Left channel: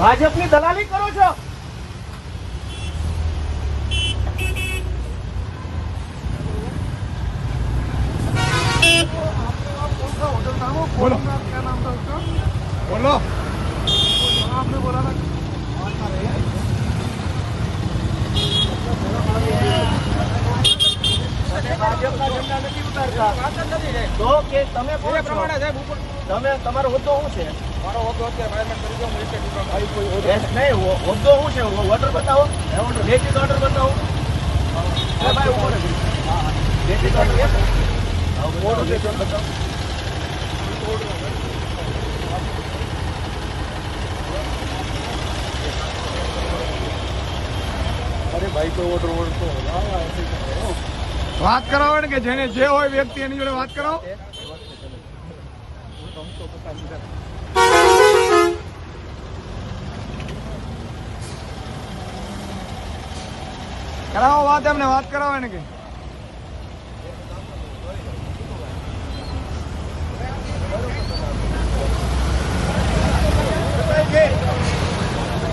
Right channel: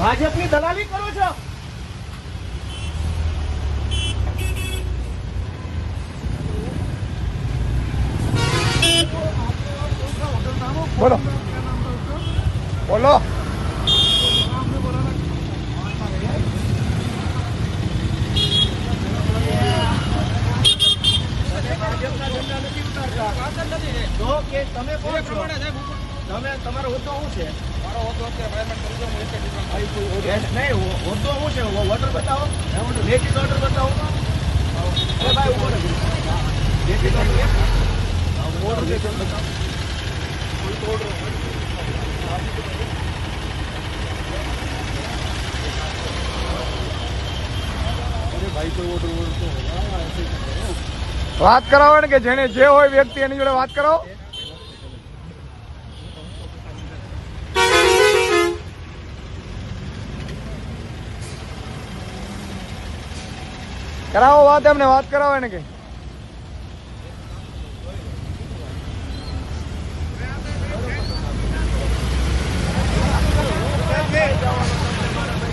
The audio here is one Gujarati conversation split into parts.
ભાજપની દલાલી કરો છો. बोलो बोलो आपने बोला ना ભાજપના ઝંડા નથી ઉતારતા તો કે તમે કોણ છો? તમે તમારો હોદ્દો શું છે? મારો હોદ્દો અત્યારે મેનેજમેન્ટ કરી દો હું એક નહીં, હોદ્દો શું છે? ઓર્ડર બતાવો, લેખિત ઓર્ડર બતાવો. ભાઈ ઉભો રહે. લેખિત ઓર્ડર બતાવો. અરે ભાઈ કોઈ ઓર્ડર તો વાત કરાવો ને કે જેને જે હોય વ્યક્તિ એની જોડે વાત કરાવો. કરાવો વાત, એમને વાત કરાવો ને કે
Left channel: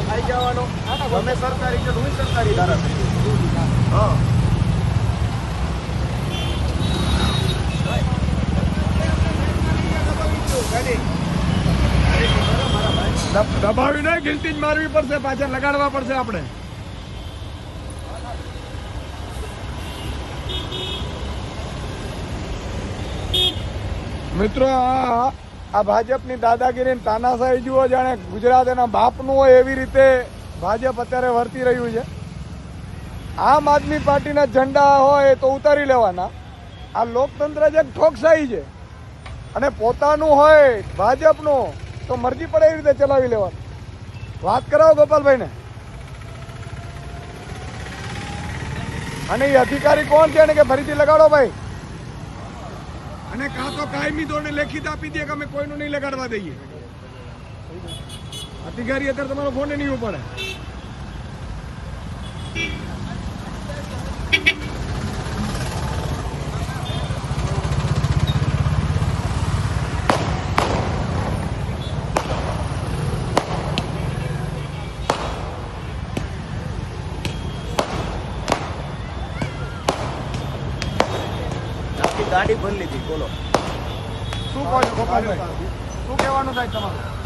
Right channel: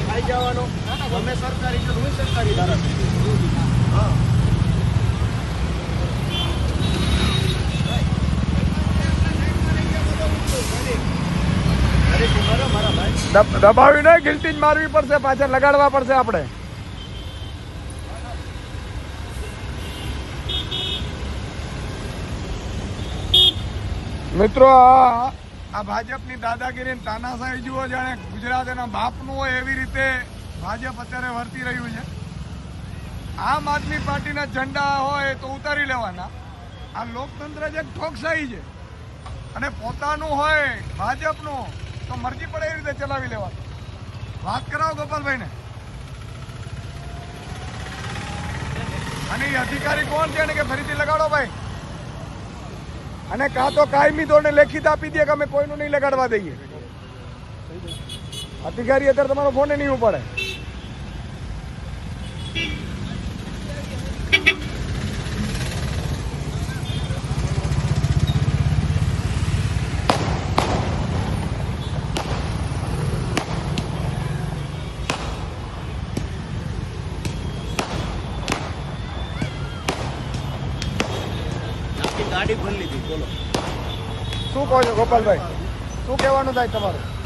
આવી જવાનો. તમે સરકારી છો, હું સરકારી ધારાસભ્ય. હા, દબાવી નહીં, ગિલ્ટી જ મારવી પડશે, પાછળ લગાડવા પડશે આપણે. મિત્રો આ ભાજપની દાદાગીરી તાનાશાહી જુઓ, જાણે ગુજરાત એના બાપનું હોય એવી રીતે ભાજપ અત્યારે વર્તી રહ્યું છે. આમ આદમી પાર્ટીના ઝંડા હોય તો ઉતારી લેવાના. આ લોકતંત્ર જ એક ઠોકશાહી છે અને પોતાનું હોય ભાજપનું તો મરજી પડે એવી રીતે ચલાવી લેવાનું. વાત કરાવો ગોપાલભાઈને. અને એ અધિકારી કોણ છે ને કે ફરીથી લગાડો ભાઈ, અને કાં તો કાયમી ધોરણે લેખિત આપી દે કે અમે કોઈનું નહીં લગાડવા દઈએ. અધિકારી અત્યારે તમારો ફોન નહીં ઉપાડે. ગાડી ભરી લીધી. બોલો શું કહો છો ગોપાલભાઈ, શું કહેવાનું થાય તમારું?